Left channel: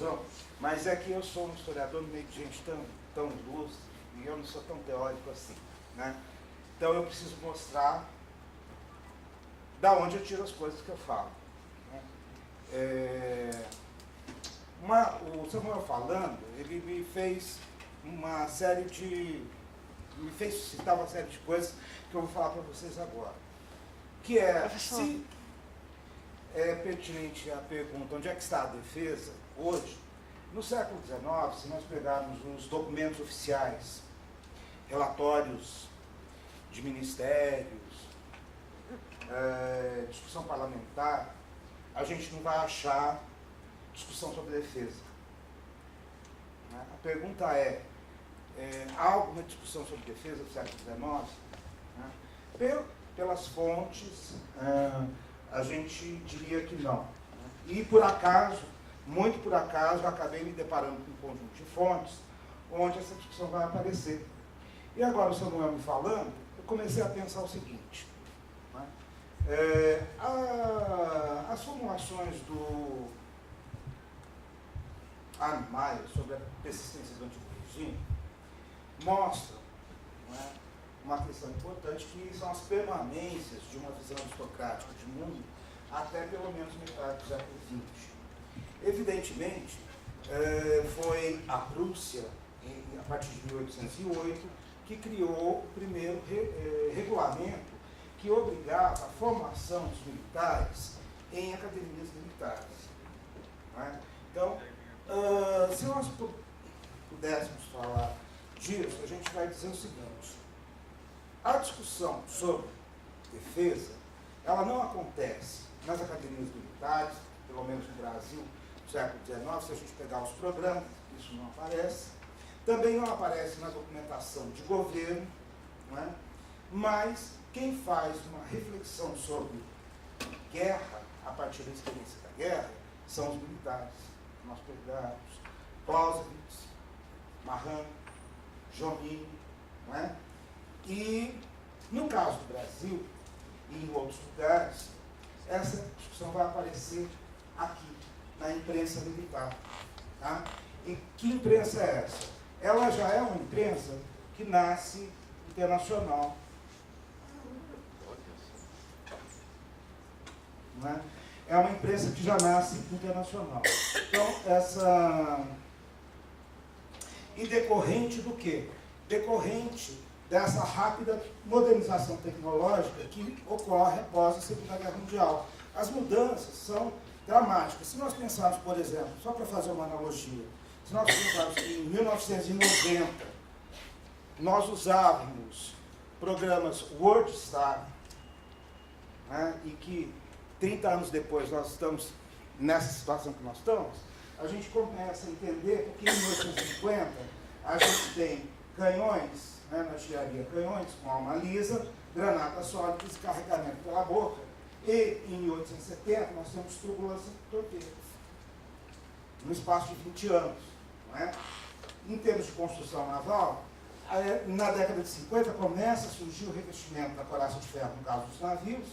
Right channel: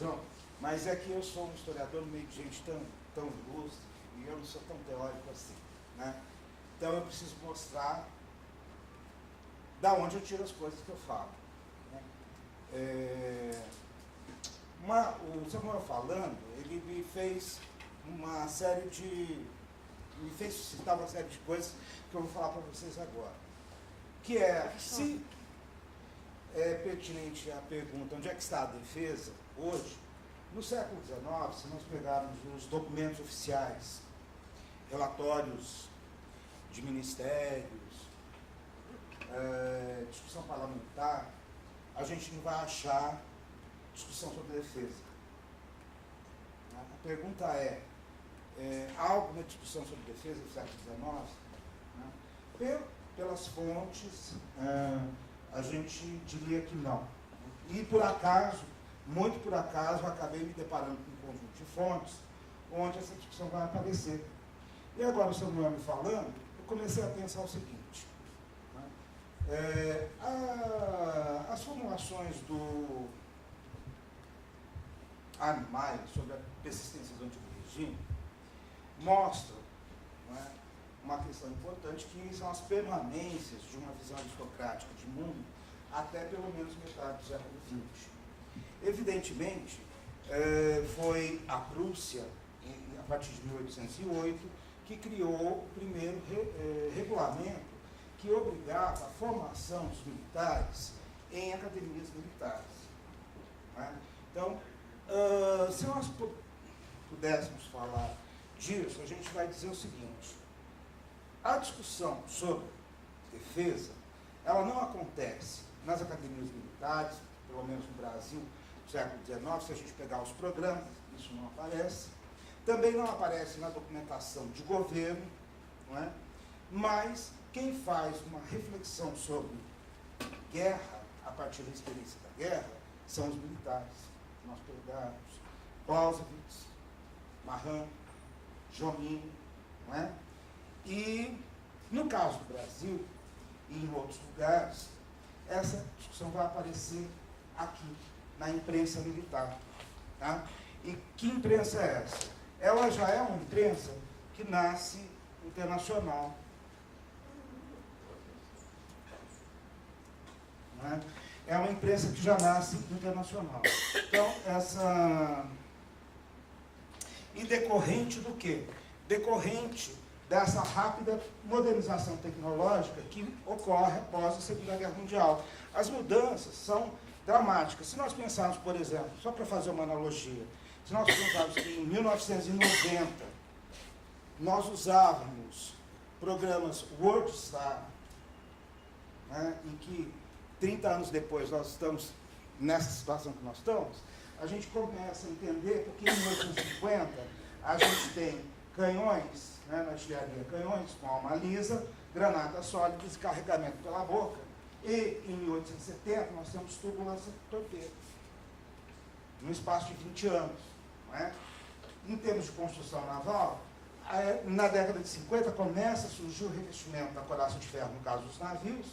conclusão, mas é que eu sou um historiador no meio de gente tão ilustre e eu não sou tão teórico assim, né? Então eu preciso mostrar da onde eu tiro as coisas que eu falo, né? O Samuel falando, ele me fez uma série de... me fez citar uma série de coisas que eu vou falar para vocês agora. Que é, se é pertinente a pergunta onde é que está a defesa hoje, no século XIX, se nós pegarmos os documentos oficiais, relatórios de ministérios, discussão parlamentar, a gente não vai achar discussão sobre defesa. A pergunta há alguma discussão sobre defesa do século XIX? Pelas fontes, a gente diria que não. E por acaso, muito por acaso, eu acabei me deparando com um conjunto de fontes onde essa discussão vai aparecer. E agora o Samuel me falando, eu comecei a pensar o seguinte, né? As formulações do Arne Meyer sobre a persistência do antigo regime mostram, não é, uma questão importante, que são as permanências de uma visão aristocrática de mundo até pelo menos metade do século XX. Evidentemente, foi a Prússia, a partir de 1808, que criou o primeiro regulamento que obrigava a formação dos militares em academias militares. Né? Então, se nós pudéssemos falar disso, a gente vai dizer o seguinte: a discussão sobre defesa, ela não acontece nas academias militares, pelo menos no Brasil, no século XIX, se a gente pegar os programas, isso não aparece. Também não aparece na documentação de governo, não é? Mas quem faz uma reflexão sobre guerra, a partir da experiência da guerra, são os militares. Nós pegamos Clausewitz, Mahan, Jomini, não é? E, no caso do Brasil, e em outros lugares, essa discussão vai aparecer aqui, na imprensa militar. Tá? E que imprensa é essa? Ela já é uma imprensa que nasce internacional. Não é? É uma imprensa que já nasce internacional. Então, E decorrente do quê? Decorrente dessa rápida modernização tecnológica que ocorre após a Segunda Guerra Mundial. As mudanças são dramáticas. Se nós pensarmos, por exemplo, só para fazer uma analogia, se nós pensarmos que em 1990 nós usávamos programas WordStar, né, e que 30 anos depois nós estamos nessa situação que nós estamos, a gente começa a entender porque em 1950 a gente tem canhões, né, na artilharia, canhões com alma lisa, granadas sólidas e carregamento pela boca. E em 1870 nós temos túbulas torpedos, no espaço de 20 anos. Não é? Em termos de construção naval, na década de 50 começa a surgir o revestimento da coraça de ferro, no caso dos navios.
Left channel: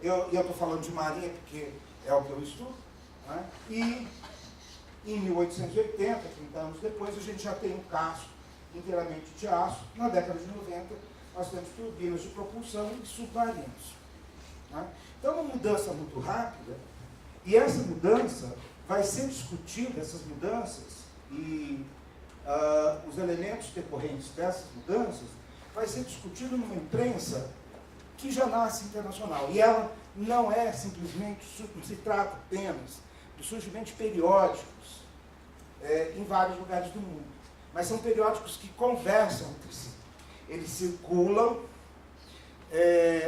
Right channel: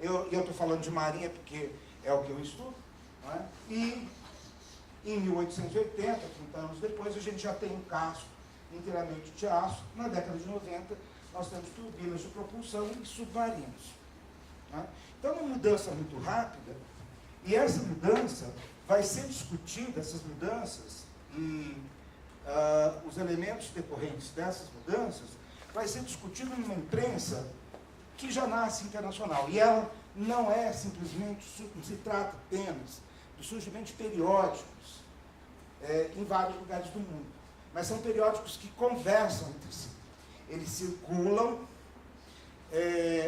Eu estou falando de marinha porque é o que eu estudo. Não é? E em 1880, 30 anos depois, a gente já tem um casco inteiramente de aço. Na década de 90, nós temos turbinas de propulsão e submarinos. Né? Então, uma mudança muito rápida, e essa mudança vai ser discutida, essas mudanças, e os elementos decorrentes dessas mudanças, vai ser discutido numa imprensa que já nasce internacional. E ela não é simplesmente, não se trata apenas do surgimento de periódicos em vários lugares do mundo, mas são periódicos que conversam entre si. Eles circulam,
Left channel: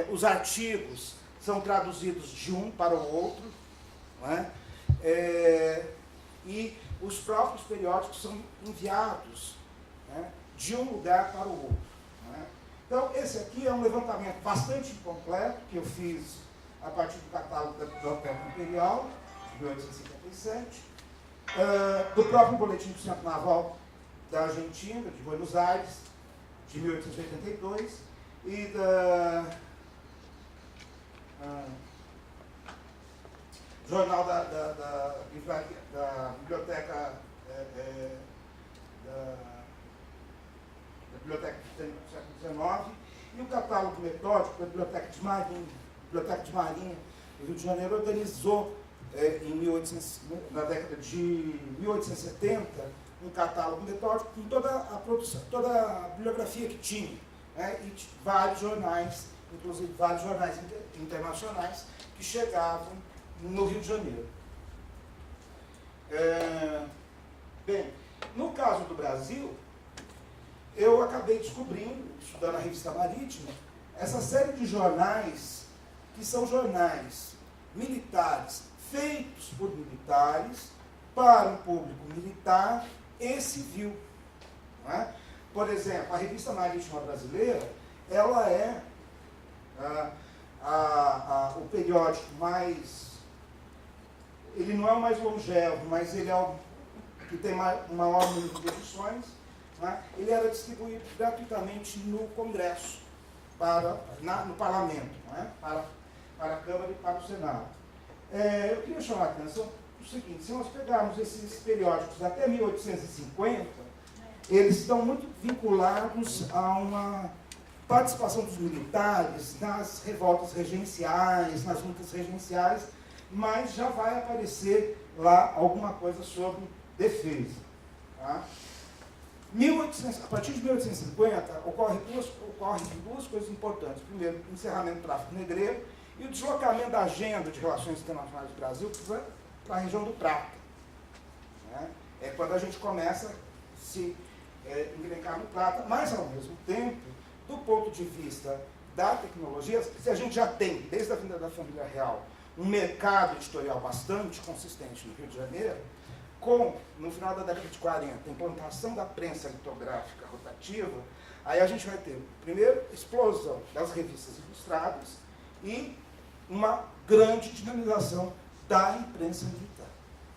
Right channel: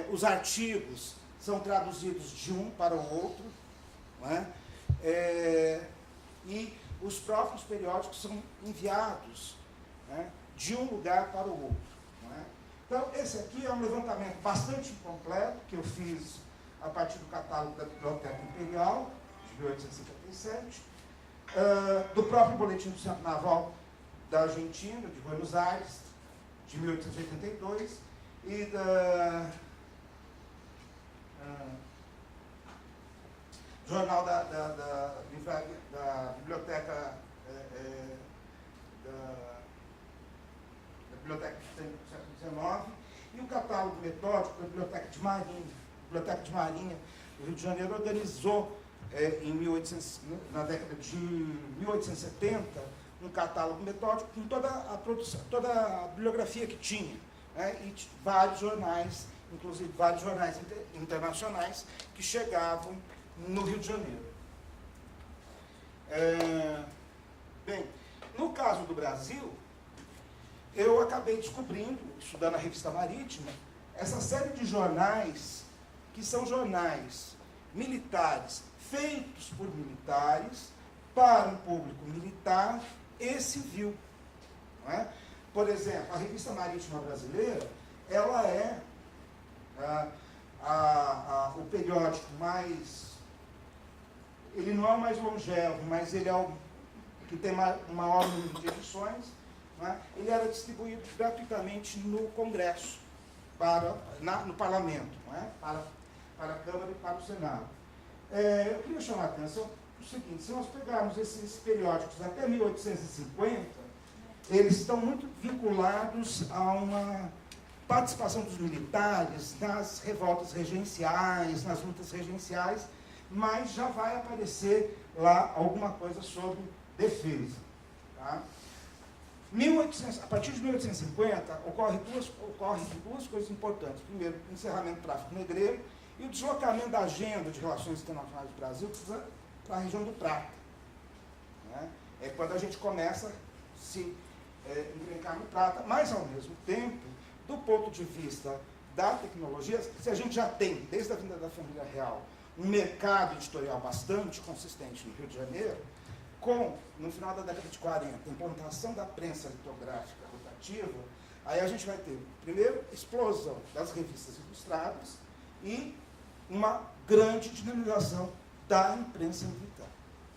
os artigos são traduzidos de um para o outro, não é? E os próprios periódicos são enviados, né, de um lugar para o outro. Não é? Então, esse aqui é um levantamento bastante incompleto, que eu fiz a partir do catálogo da Biblioteca Imperial, de 1857, do próprio Boletim do Centro Naval da Argentina, de Buenos Aires, de 1882, e jornal da biblioteca da Biblioteca do século XIX, e o catálogo metódico da Biblioteca de Marinha. A Biblioteca de Marinha do Rio de Janeiro organizou, na década de 1870, um catálogo metódico com toda a produção, toda a bibliografia que tinha, né, e vários jornais, inclusive vários jornais internacionais, que chegavam no Rio de Janeiro. Bem, no caso do Brasil, eu acabei descobrindo, estudando a Revista Marítima, essa série de jornais, que são jornais militares, feitos por militares, para um público militar e civil. Não é? Por exemplo, a Revista Marítima Brasileira, ela é o periódico mais... Ele não é o mais longevo, mas ele é o que tem o maior número de edições. Né? Ele era distribuído gratuitamente no Congresso, no Parlamento, não é? para a Câmara e para o Senado. Eu queria chamar a atenção para o seguinte: se nós pegarmos esses periódicos até 1850, eles estão muito vinculados a uma participação dos militares nas revoltas regenciais, nas lutas regenciais, mas já vai aparecer lá alguma coisa sobre defesa. Tá? A partir de 1850, ocorrem duas coisas importantes. Primeiro, o encerramento do tráfico negreiro e o deslocamento da agenda de relações internacionais do Brasil para a região do Prata. Né? É quando a gente começa a se encrencar no Prata, mas, ao mesmo tempo, do ponto de vista da tecnologia, se a gente já tem, desde a vinda da família real, um mercado editorial bastante consistente no Rio de Janeiro, no final da década de 40, a implantação da prensa litográfica rotativa, aí a gente vai ter, primeiro, explosão das revistas ilustradas e uma grande dinamização da imprensa militar.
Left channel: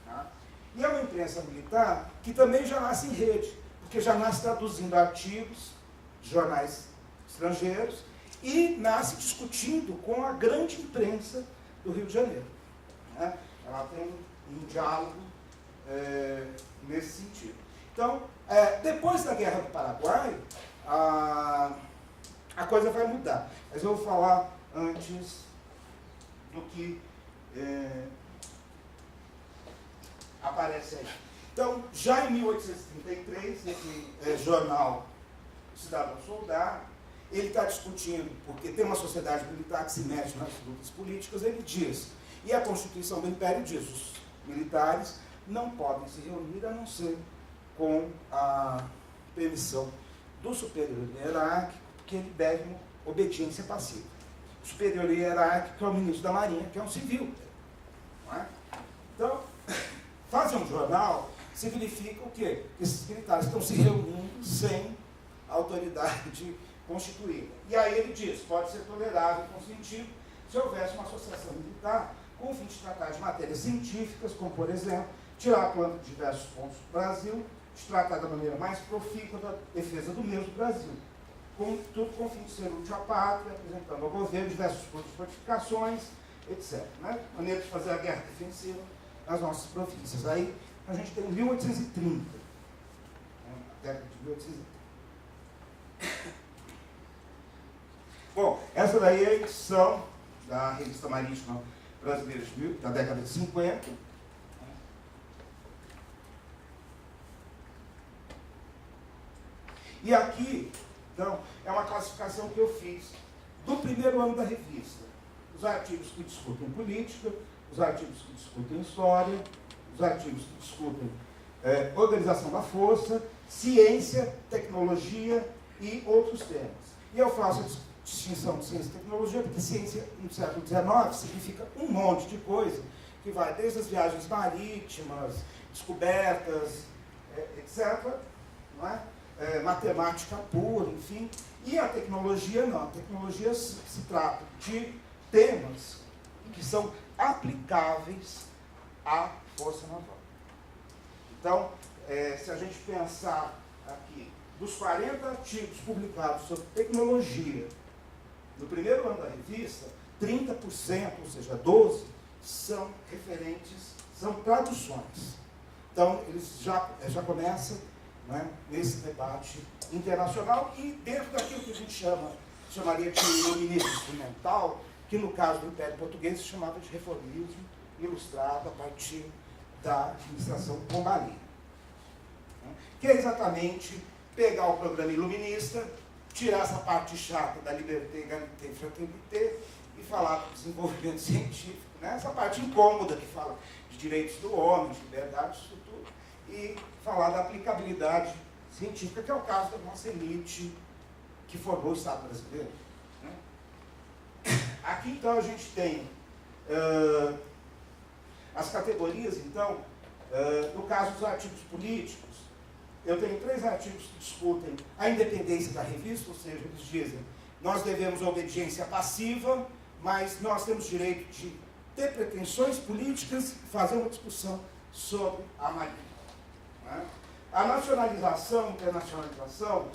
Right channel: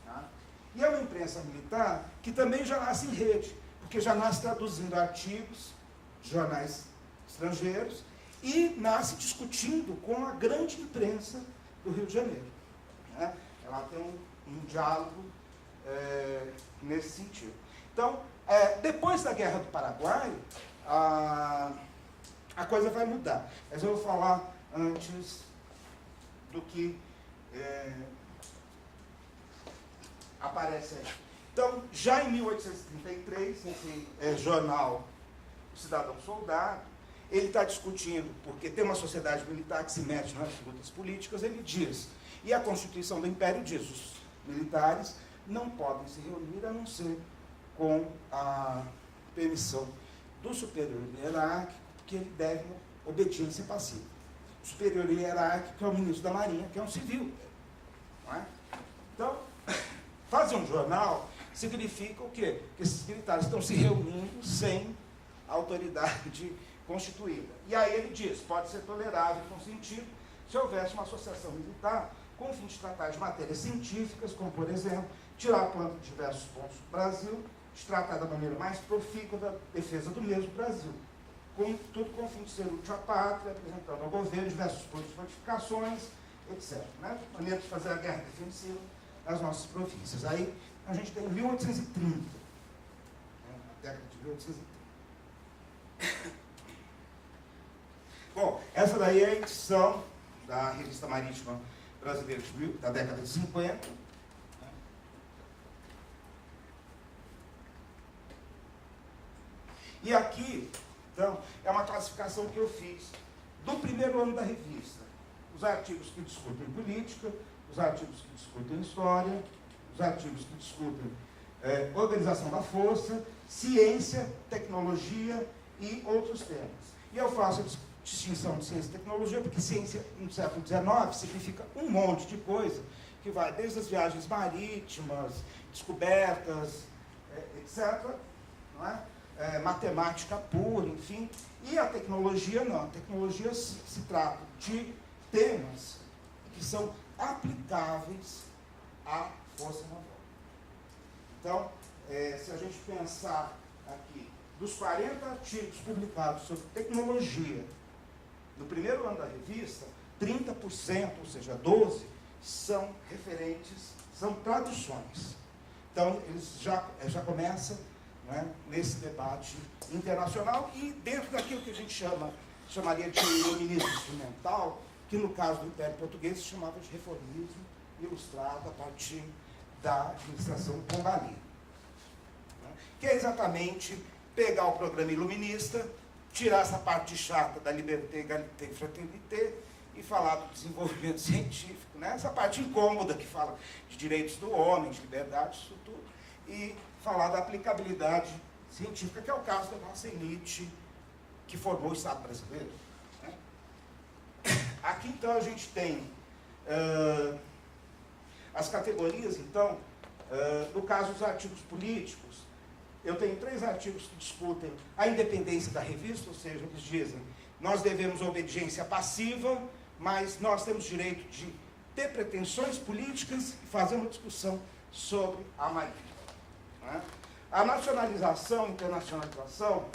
Tá? E é uma imprensa militar que também já nasce em rede, porque já nasce traduzindo artigos de jornais estrangeiros e nasce discutindo com a grande imprensa do Rio de Janeiro. Né? Ela tem um diálogo nesse sentido. Então, depois da Guerra do Paraguai, a coisa vai mudar. Mas eu vou falar antes do que aparece aí. Então, já em 1833, nesse jornal Cidadão Soldado, ele está discutindo, porque tem uma sociedade militar que se mete nas lutas políticas, ele diz, e a Constituição do Império diz, os militares não podem se reunir a não ser com a permissão do superior hierárquico, porque ele deve obediência passiva. O superior hierárquico é o ministro da Marinha, que é um civil. Não é? Então, fazer um jornal significa o quê? Que esses militares estão se reunindo sem autoridade constituída. E aí ele diz, pode ser tolerável e consentido se houvesse uma associação militar com o fim de tratar de matérias científicas, como, por exemplo, tirar a planta de diversos pontos do Brasil, de tratar da maneira mais profícua da defesa do mesmo Brasil. Tudo com o fim de ser útil à pátria, apresentando ao governo diversos pontos de fortificações, etc. Né? Maneira de fazer a guerra defensiva nas nossas províncias. Aí a gente tem 1830, né? A década de 1830. Bom, essa daí é a edição da Revista Marítima Brasileira da década de 50. E aqui, então, é uma classificação que eu fiz do primeiro ano da revista. Os artigos que discutem política, os artigos que discutem história, os artigos que discutem organização da força, ciência, tecnologia e outros temas. E eu faço a distinção de ciência e tecnologia, porque ciência no século XIX significa um monte de coisa, que vai desde as viagens marítimas, descobertas, etc., não é? Matemática pura, enfim. E a tecnologia não. A tecnologia se trata de temas que são aplicáveis à força naval. Então, se a gente pensar aqui, dos 40 artigos publicados sobre tecnologia no primeiro ano da revista, 30%, ou seja, 12, são referentes, são traduções. Então, eles já começam, né, nesse debate internacional e dentro daquilo que a gente chamaria de iluminismo instrumental, que no caso do Império Português se chamava de reformismo ilustrado a partir da administração Pombal, que é exatamente pegar o programa iluminista, tirar essa parte chata da liberté, égalité e fraternité e falar do desenvolvimento científico, né? Essa parte incômoda que fala de direitos do homem, de liberdade, isso tudo, e falar da aplicabilidade científica, que é o caso da nossa elite que formou o Estado brasileiro, né? Aqui, então, a gente tem as categorias, então, no caso dos artigos políticos, eu tenho 3 artigos que discutem a independência da revista, ou seja, eles dizem, nós devemos obediência passiva, mas nós temos direito de ter pretensões políticas e fazer uma discussão sobre a Marinha, né? A nacionalização, internacionalização,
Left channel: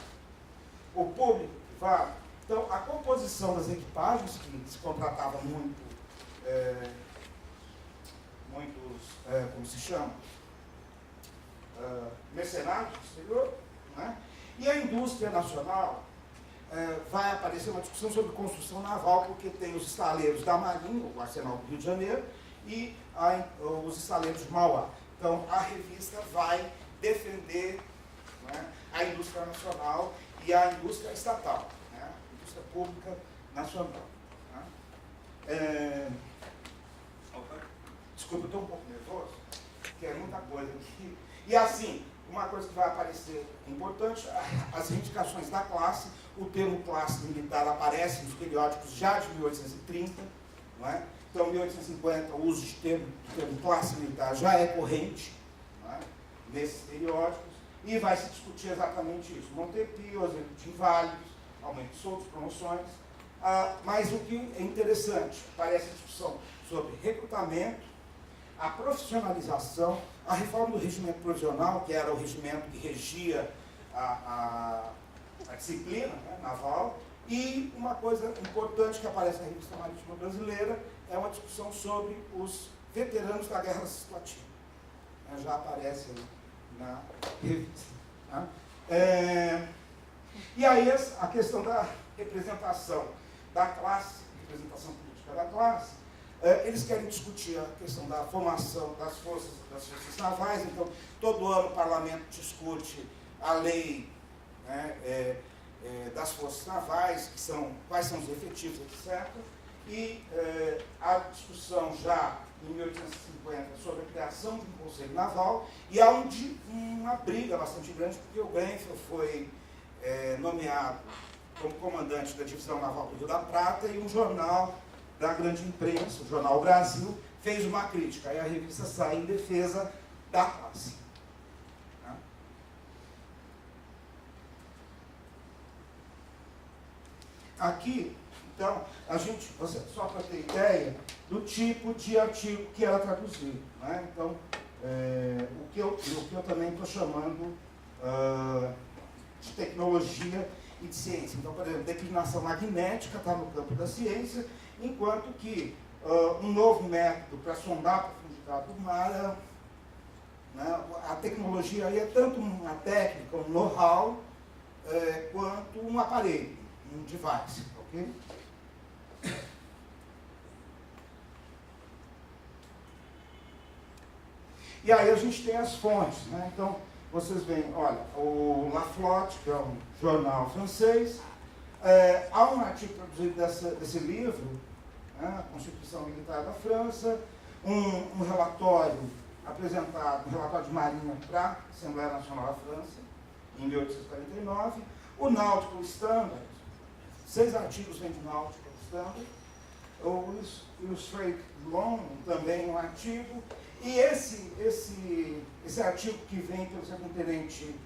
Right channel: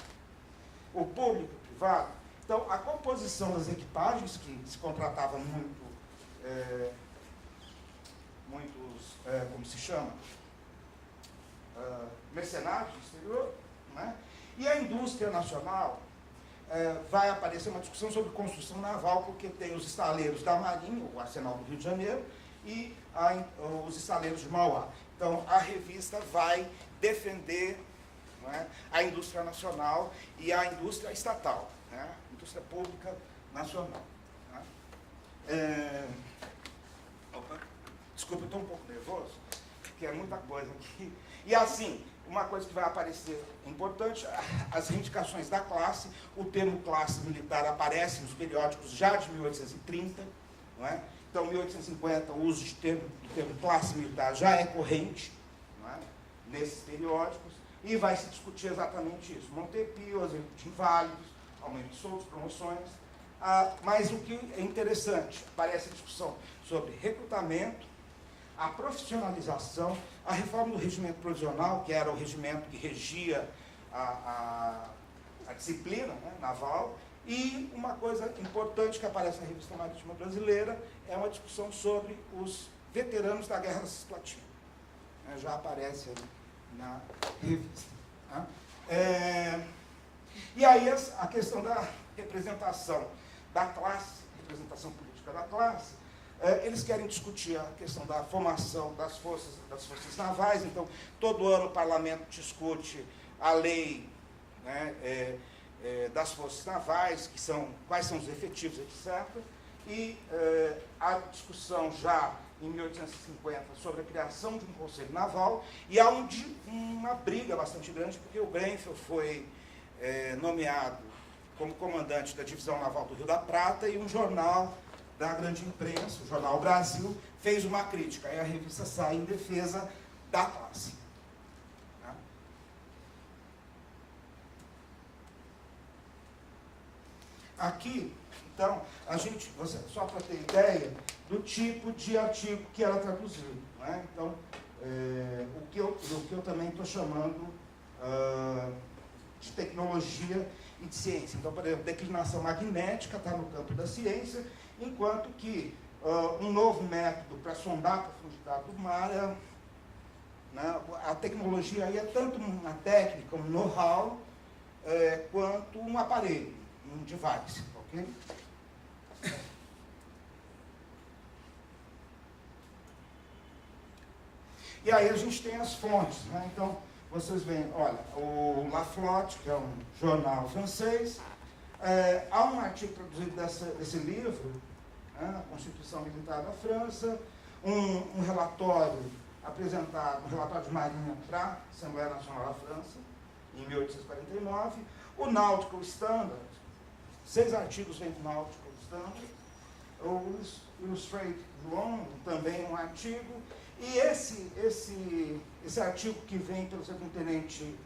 o público, privado, então a composição das equipagens, que se contratava muitos, como se chama? Mercenários do exterior, né? E a indústria nacional, vai aparecer uma discussão sobre construção naval, porque tem os estaleiros da Marinha, o Arsenal do Rio de Janeiro, e os estaleiros de Mauá. Então, a revista vai defender, né, a indústria nacional e a indústria estatal, né, a indústria pública nacional. Né? Desculpa, eu estou um pouco nervoso, porque é muita coisa aqui. E assim, uma coisa que vai aparecer importante, as reivindicações da classe, o termo classe militar aparece nos periódicos já de 1830, não é? Então, em 1850, o uso do termo classe militar já é corrente, não é? Nesses periódicos, e vai se discutir exatamente isso. Montepio, exemplo de inválidos, aumento de soldos, promoções. Mas o que é interessante, parece a discussão sobre recrutamento, a profissionalização, a reforma do regimento provisional, que era o regimento que regia a disciplina, né, naval, e uma coisa importante que aparece na Revista Marítima Brasileira é uma discussão sobre os veteranos da Guerra Situativa. Né, já aparece aí na revista. Tá? E aí a questão da representação da classe, representação política da classe, eles querem discutir a questão da formação das forças navais. Então, todo ano o parlamento discute a lei, né, das forças navais, quais são os efetivos, etc. E a discussão já em 1850 sobre a criação de um conselho naval, e há uma briga bastante grande, porque o Grenfell foi nomeado como comandante da divisão naval do Rio da Prata, e um jornal da grande imprensa, o Jornal Brasil, fez uma crítica. Aí a revista sai em defesa da classe. Tá? Aqui, então, só para ter ideia do tipo de artigo que ela traduziu. Né? Então, o que eu também estou chamando de tecnologia e de ciência. Então, por exemplo, declinação magnética está no campo da ciência, enquanto que um novo método para sondar a profundidade do mar, né, a tecnologia aí é tanto uma técnica, um know-how, quanto um aparelho, um device. Okay? E aí a gente tem as fontes. Né? Então, vocês veem, olha, o La Flotte, que é um jornal francês, há um artigo produzido desse livro, né, a Constituição Militar da França, um relatório apresentado, um relatório de Marinha para a Assembleia Nacional da França, em 1849, o Nautical Standard, 6 artigos vêm do Nautical Standard, o Illustrated London, também um artigo, e esse artigo que vem pelo subtenente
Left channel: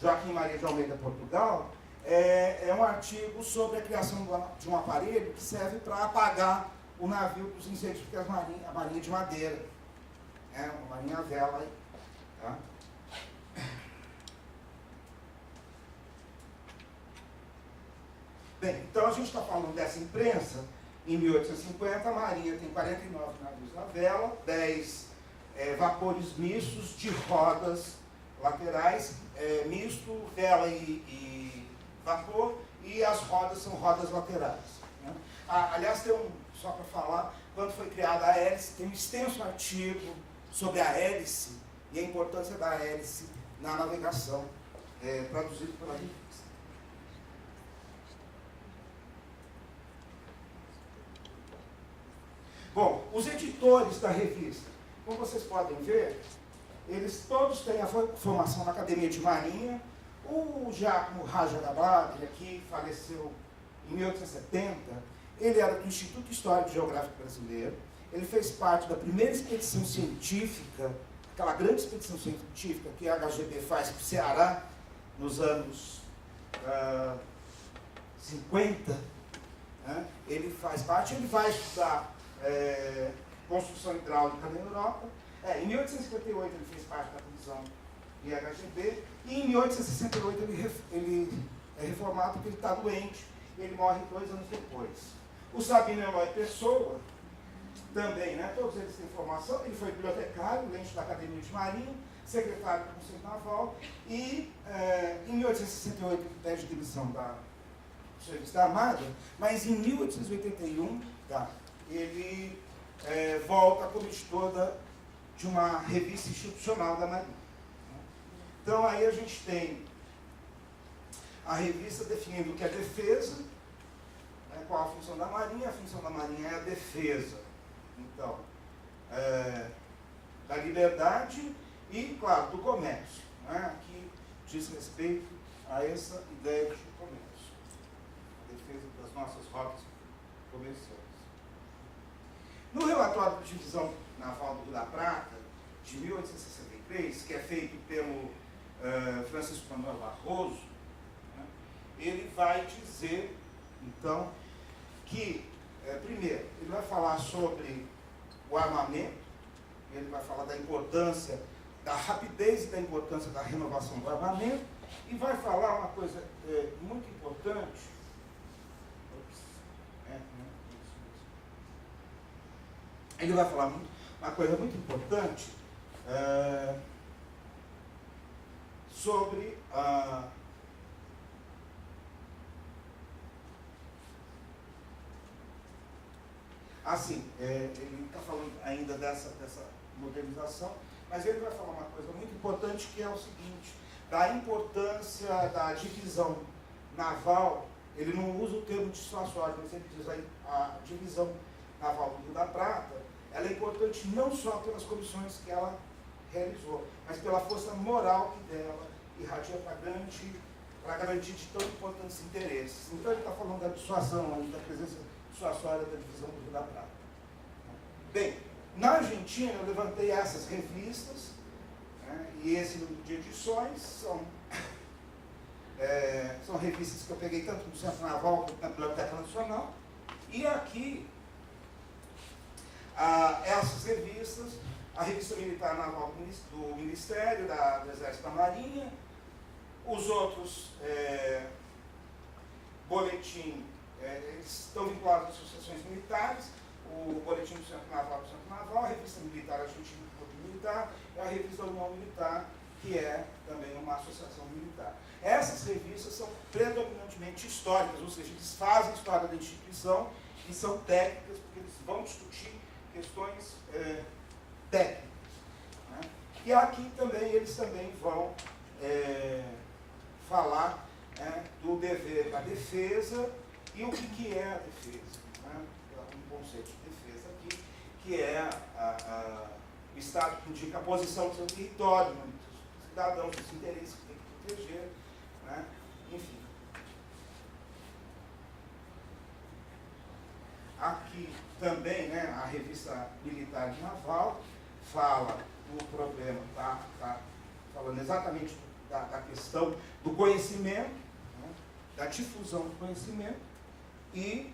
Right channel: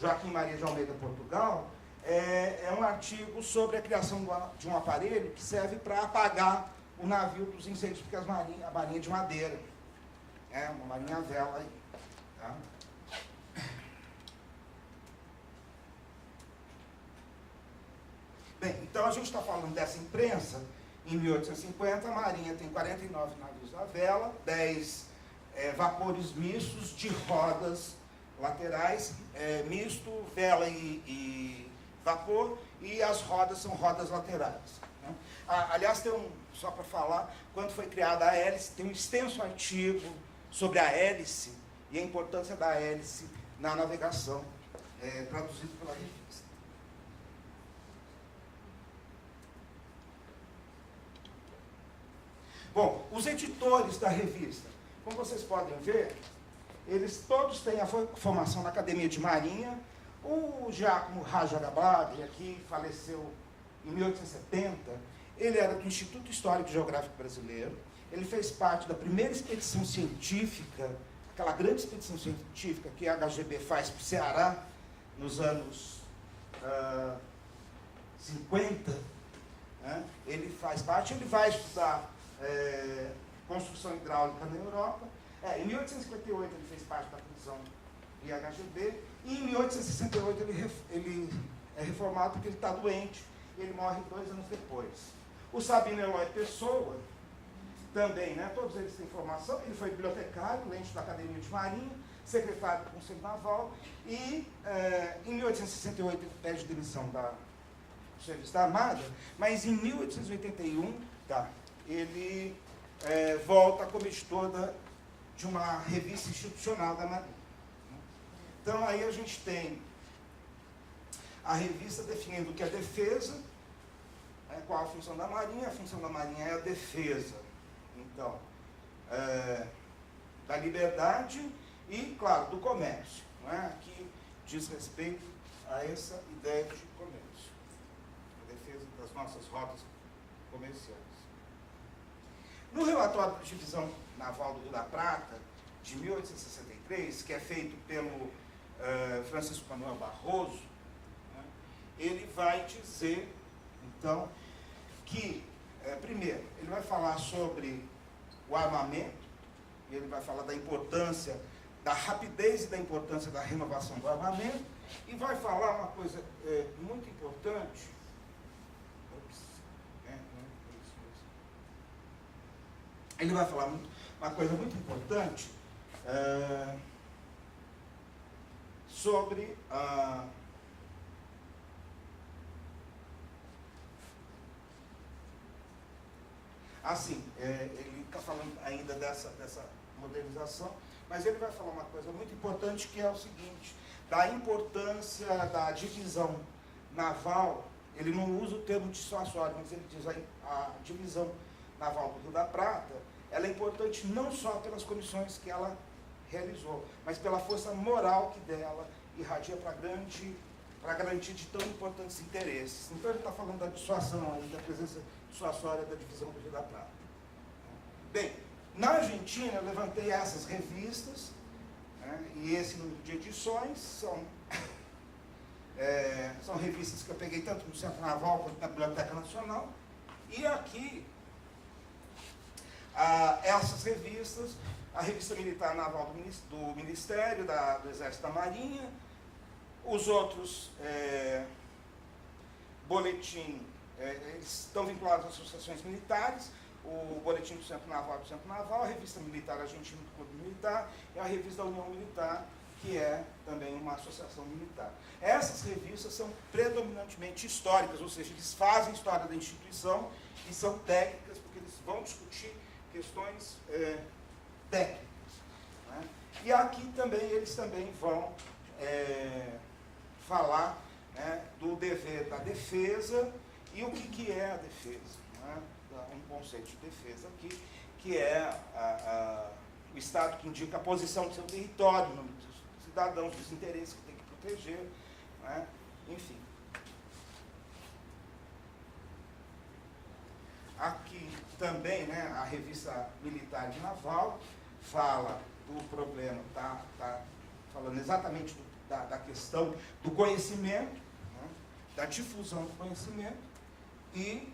Joaquim Maria de Almeida, Portugal, é um artigo sobre a criação de um aparelho que serve para apagar o navio dos incêndios, porque a marinha de madeira, uma marinha a vela. Aí, tá? Bem, então a gente está falando dessa imprensa Em 1850, a Marinha tem 49 navios à vela, 10 vapores mistos de rodas laterais, misto, vela e vapor, e as rodas são rodas laterais. Né? Aliás, só para falar, quando foi criada a hélice, tem um extenso artigo sobre a hélice e a importância da hélice na navegação, traduzido pela revista. Bom, os editores da revista, como vocês podem ver, eles todos têm a formação na Academia de Marinha. O Giacomo Raja Gabaglia, que faleceu em 1870, ele era do Instituto Histórico e Geográfico Brasileiro. Ele fez parte da primeira expedição científica, aquela grande expedição científica que a HGB faz para o Ceará, nos anos 50. Né? Ele faz parte, ele vai estudar construção hidráulica na Europa. Em 1858 ele fez parte da comissão IHGB, e em 1868 ele é reformado porque ele está doente, e ele morre 2 anos depois. O Sabino Eloy Pessoa, também, né, todos eles têm formação, ele foi bibliotecário, lente da Academia de Marinha, secretário do Conselho Naval, e em 1868 ele pede demissão do serviço da Armada, mas em 1881, ele volta como editor de uma revista institucional da Marinha. Então aí a gente tem a revista definindo o que é defesa, qual a função da Marinha. A função da Marinha é a defesa, então, da liberdade e, claro, do comércio, né? Que diz respeito a essa ideia de comércio, a defesa das nossas rotas comerciais. No relatório de divisão naval do Rio da Prata, de 1863, que é feito pelo Francisco Manuel Barroso, né, ele vai dizer, então, que, primeiro, ele vai falar sobre o armamento, ele vai falar da importância, da rapidez e da importância da renovação do armamento, e vai falar uma coisa muito importante. Ele vai falar uma coisa muito importante sobre assim, ele está falando ainda dessa modernização, mas ele vai falar uma coisa muito importante, que é o seguinte, da importância da divisão naval. Ele não usa o termo dissuasório, mas ele diz a divisão naval do Rio da Prata, ela é importante não só pelas comissões que ela realizou, mas pela força moral que dela irradia para garantir de tão importantes interesses. Então ele está falando da dissuasão, aí, da presença dissuasória da divisão do Rio da Prata. Bem, na Argentina eu levantei essas revistas, né, e esse número de edições são revistas que eu peguei tanto no Centro Naval quanto na Biblioteca Nacional, e aqui essas revistas, a Revista Militar Naval do Ministério, do Exército da Marinha, os outros boletim, estão vinculados às associações militares, o Boletim do Centro Naval, a Revista Militar Argentina do Clube Militar, e a Revista da União Militar, que é também uma associação militar. Essas revistas são predominantemente históricas, ou seja, eles fazem história da instituição, e são técnicas, porque eles vão discutir questões técnicas. Né? E aqui também eles também vão falar do dever da defesa e o que é a defesa. Né? Um conceito de defesa aqui, que é o Estado que indica a posição do seu território, dos cidadãos, dos interesses que tem que proteger. Né? Enfim. Aqui também, né, a Revista Militar e Naval fala do problema, está falando exatamente da questão do conhecimento, né, da difusão do conhecimento, e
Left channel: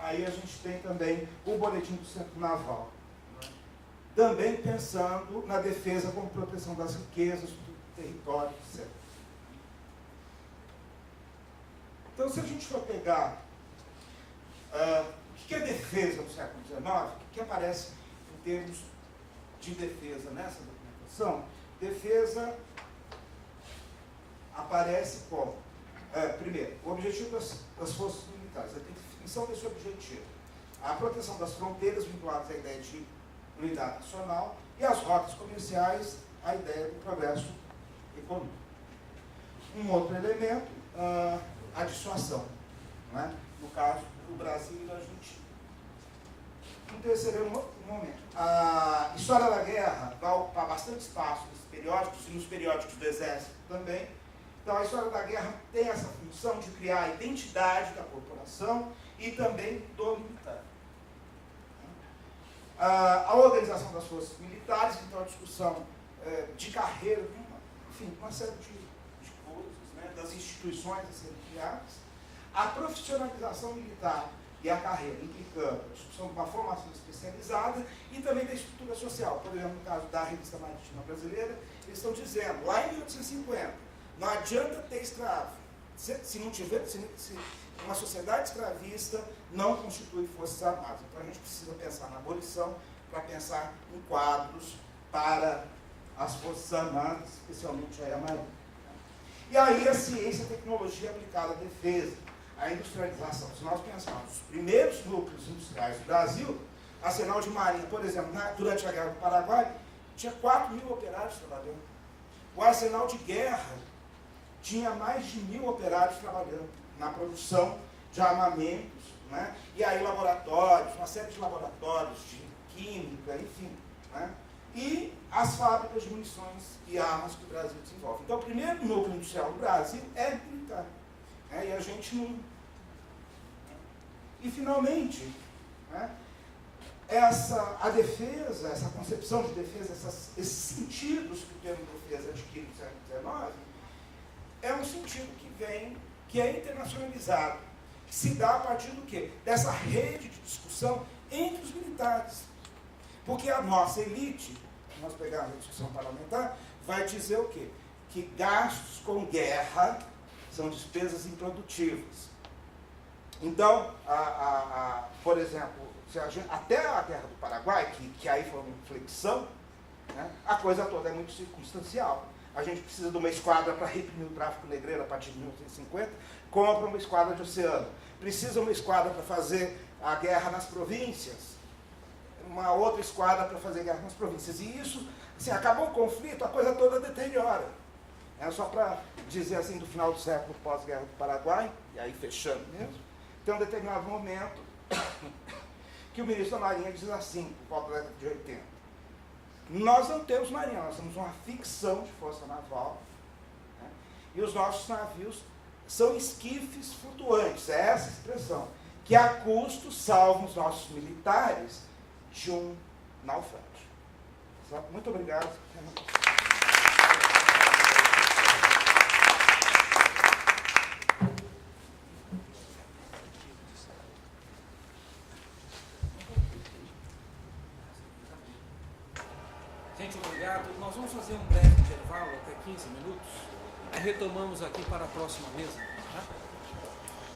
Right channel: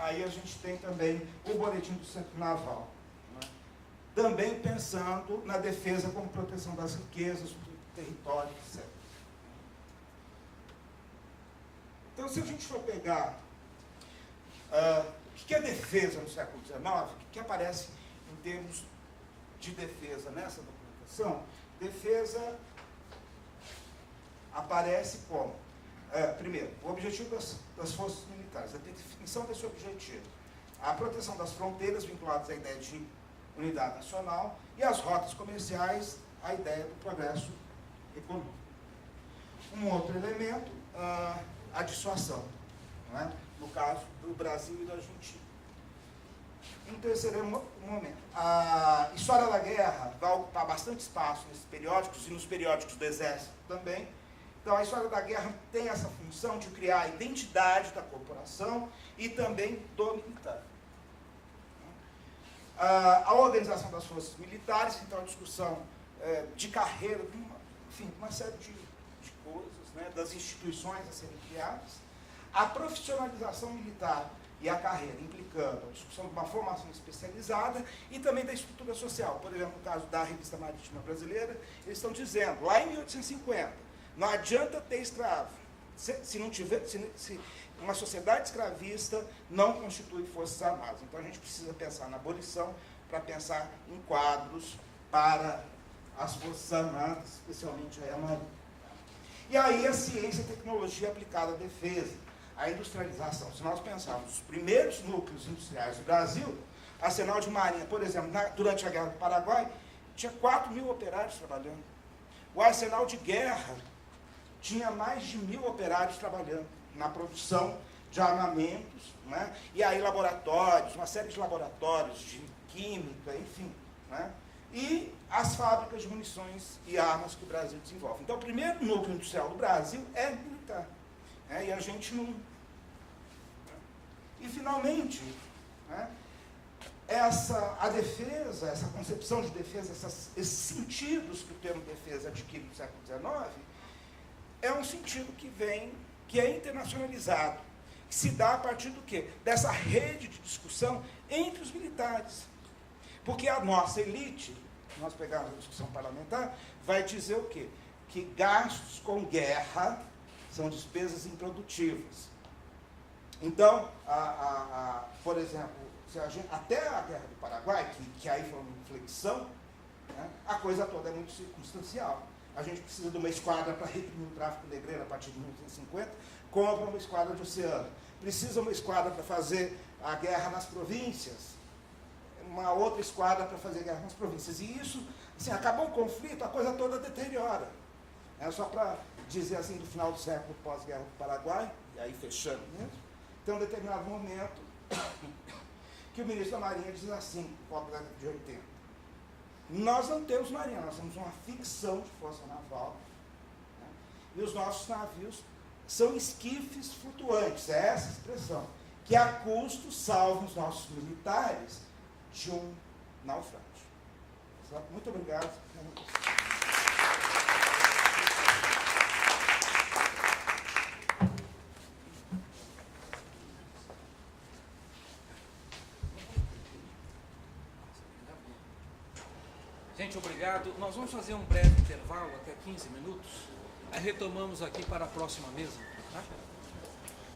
aí a gente tem também o Boletim do Centro Naval, né, também pensando na defesa como proteção das riquezas, do território, etc. Então, se a gente for pegar O que é defesa do século XIX? O que aparece em termos de defesa nessa documentação? Defesa aparece como, primeiro, o objetivo das forças militares, a definição desse objetivo, a proteção das fronteiras vinculadas à ideia de unidade nacional e as rotas comerciais, a ideia do progresso econômico. Um outro elemento, a dissuasão, né? No caso do Brasil e da Argentina. Um terceiro momento, a história da guerra vai ocupar bastante espaço nos periódicos e nos periódicos do Exército também. Então, a história da guerra tem essa função de criar a identidade da corporação e também do militar. A organização das forças militares, então a discussão de carreira, enfim, uma série de coisas, né, das instituições a serem criadas. A profissionalização militar e a carreira, implicando a discussão de uma formação especializada e também da estrutura social. Por exemplo, no caso da Revista Marítima Brasileira, eles estão dizendo, lá em 1850, não adianta ter escravo. Se não tiver, se uma sociedade escravista não constitui forças armadas. Então a gente precisa pensar na abolição para pensar em quadros para as forças armadas, especialmente a Marinha. E aí a ciência e a tecnologia aplicada à defesa, a industrialização. Se nós pensarmos os primeiros núcleos industriais do Brasil, Arsenal de Marinha, por exemplo, durante a Guerra do Paraguai, tinha 4.000 operários trabalhando. O Arsenal de Guerra tinha mais de 1.000 operários trabalhando na produção de armamentos, né? E aí laboratórios, uma série de laboratórios de química, enfim, né? E as fábricas de munições e armas que o Brasil desenvolve. Então, o primeiro núcleo industrial do Brasil é militar, né? E a gente não... E, finalmente, né, a defesa, essa concepção de defesa, esses sentidos que o termo defesa adquire no século XIX, é um sentido que é internacionalizado, que se dá a partir do quê? Dessa rede de discussão entre os militares. Porque a nossa elite, se nós pegarmos a discussão parlamentar, vai dizer o quê? Que gastos com guerra são despesas improdutivas. Então, por exemplo, até a Guerra do Paraguai, que aí foi uma inflexão, né, a coisa toda é muito circunstancial. A gente precisa de uma esquadra para reprimir o tráfico negreiro a partir de 1950, compra uma esquadra de oceano. Precisa uma esquadra para fazer a guerra nas províncias, uma outra esquadra para fazer guerra nas províncias. E isso, assim, acabou o conflito, a coisa toda deteriora. É só para dizer assim, do final do século pós-guerra do Paraguai, e aí fechando mesmo, tem um determinado momento que o ministro da Marinha diz assim, por volta da década de 80, nós não temos marinha, nós temos uma ficção de força naval, né? E os nossos navios são esquifes flutuantes, é essa a expressão, que a custo salvam os nossos militares de um naufrágio. Muito obrigado. Gente, obrigado. Nós vamos fazer um breve intervalo, até 15 minutos. Aí retomamos aqui para a próxima mesa. Tá?